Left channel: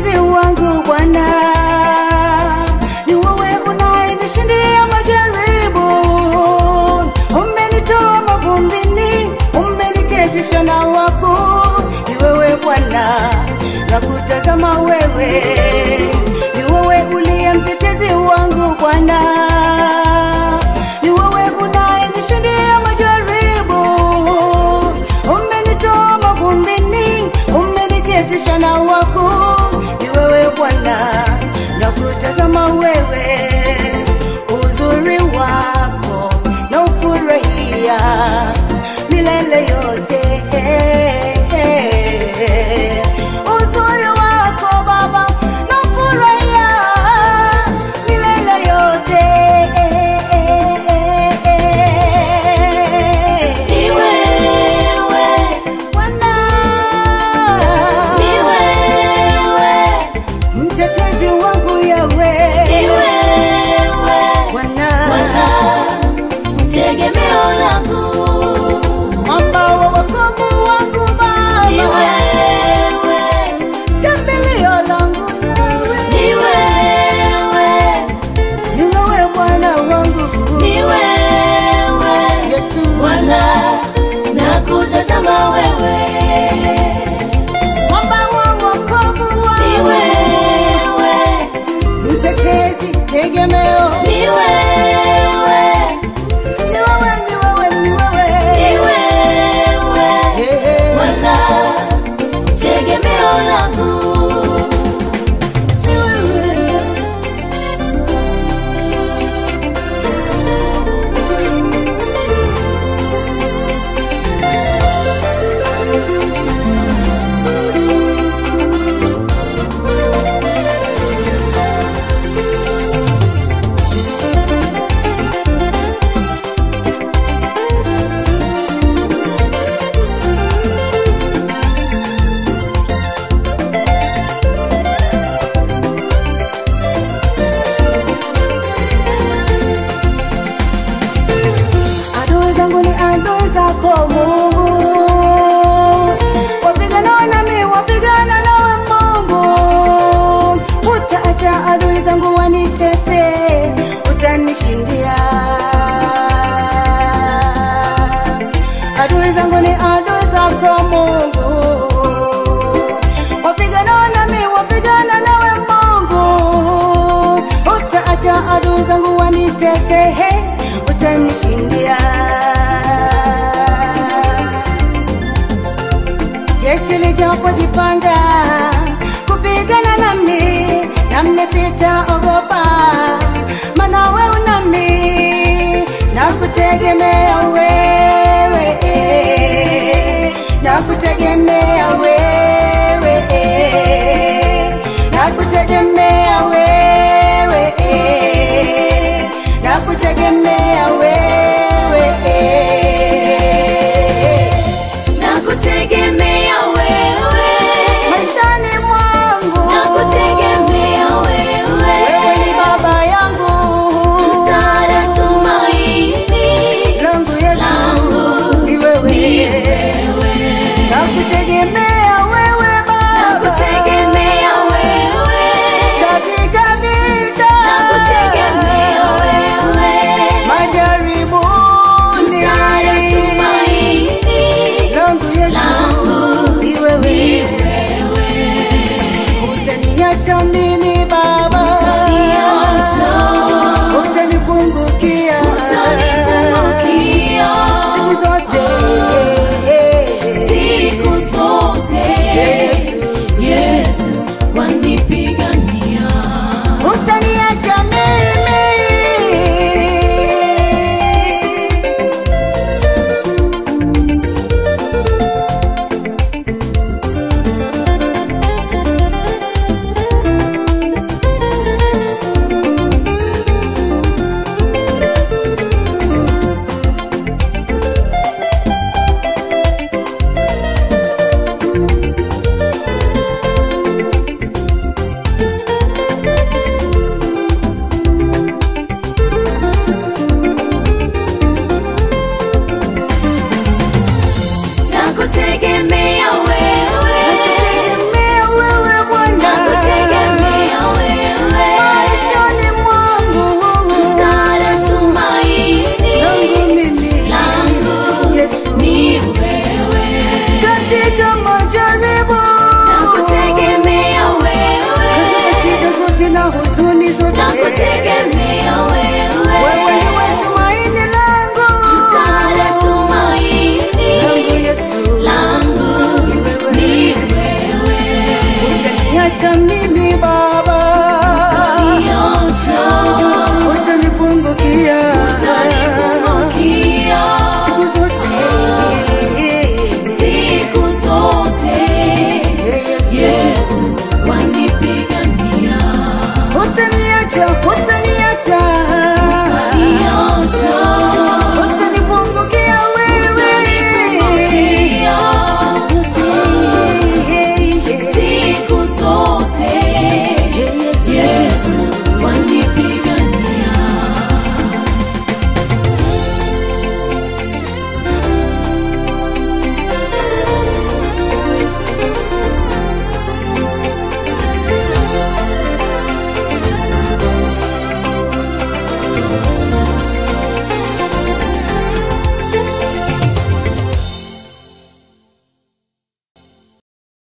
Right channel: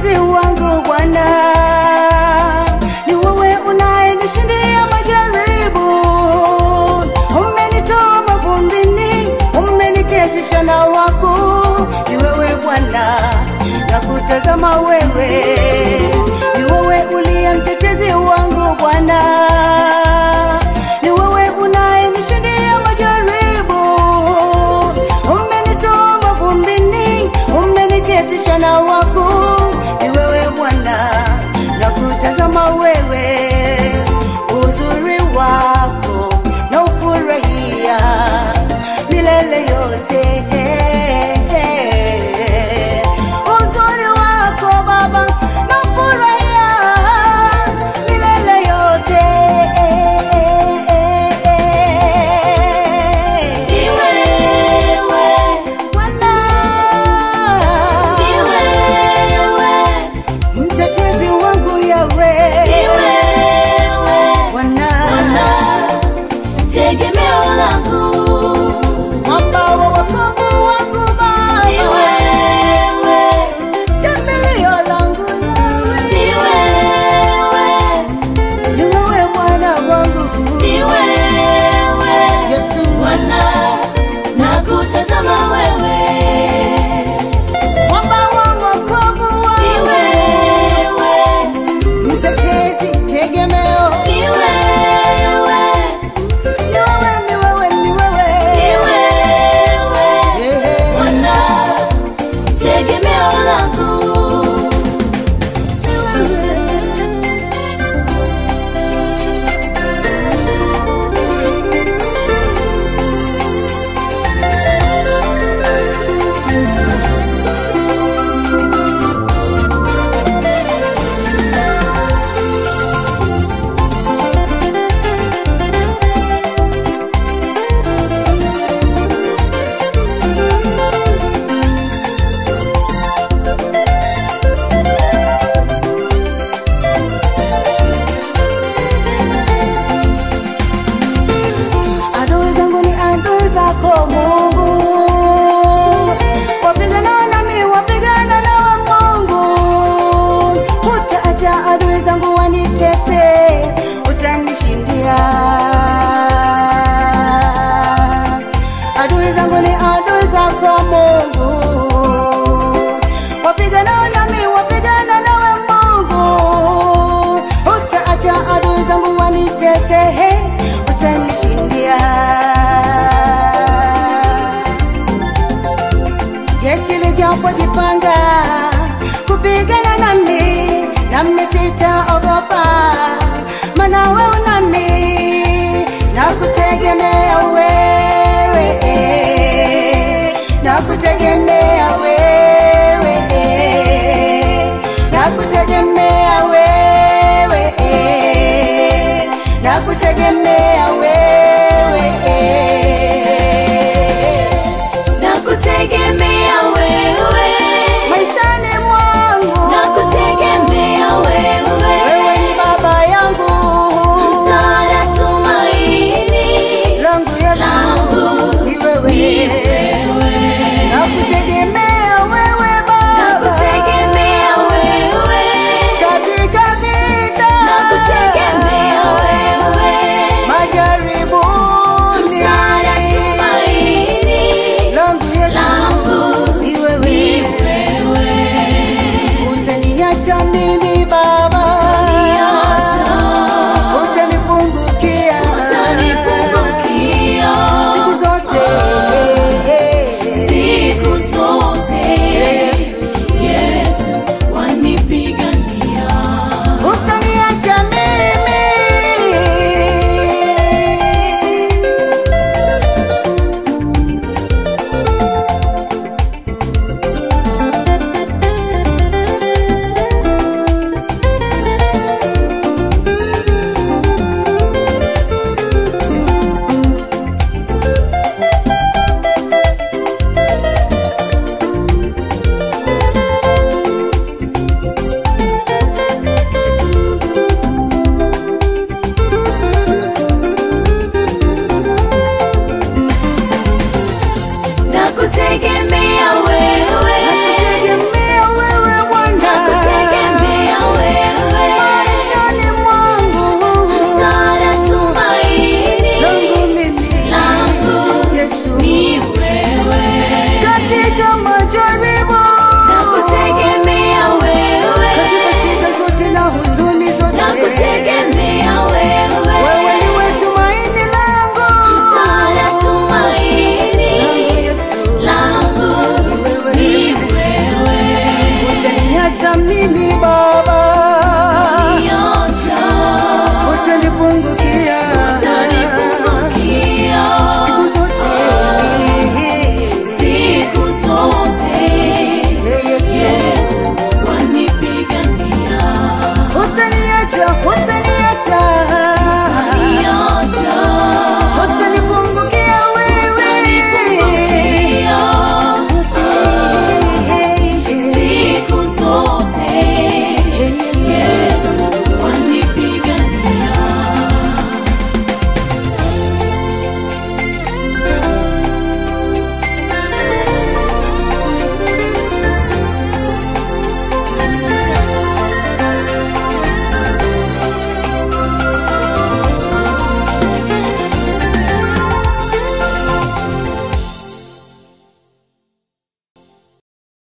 mtetezi wangu Bwana, ni wewe unayenishindia majaribu. Umenitoa mavumbini, umeniketisha na wakuu. Ni wewe Bwana, nakutazama wewe. Ni wewe uliye mtetezi wangu Bwana, ni wewe unayenishindia majaribu. Umenitoa mavumbini, umeniketisha na wakuu. Ni wewe Bwana, nakutazama wewe. Uzuri wako na ufurahia milele yote. Uzuri wako Baba na ufurahia milele yote. Ni wewe Bwana, ni wewe mtetezi wangu Yahweh. Ni wewe Bwana, tegemeo langu, mwamba wa wokovu wangu Baba. Ni wewe kimbilio langu Yahweh. Ni wewe, ni wewe Bwana wangu. Ni wewe Yesu Bwana, nakutazama wewe, mwamba wa wokovu wangu. Ni wewe mtetezi, tegemeo. Ni wewe, ni wewe, ni wewe, ni wewe, ni wewe Bwana, tegemeo langu. Ni wewe. Adui zangu ni adui zako Mungu, wapigana nami, wapigana nawe Mungu. Utaacha adui zangu wanitese, utanishindia. Adui zangu ni adui zako Mungu, wapigana nami, wapigana nawe Mungu. Utaacha adui zangu wanitese, utanishindia. Jeshi lijapojipanga kupigana nami, nami sitaogopa, maana wewe nami. Nakutegemea wewe, nakutegemea wewe, nakutegemea wewe, nakutegemea wewe, nakutegemea wewe maishani mwangu. Nakutegemea wewe, wewe ni baba yangu, msaada, tumaini langu Yesu. Ni wewe, nakutegemea wewe Baba, nakutegemea wewe katika vita, nakutegemea wewe majaribuni, msaada, tumaini langu Yesu. Ni wewe, utaniacha mimi Baba, utanipungukia siku zote, siku zote. Yesu wanipigania, utaniacha mimi. hutaniacha mimi Baba, hutanipungukia.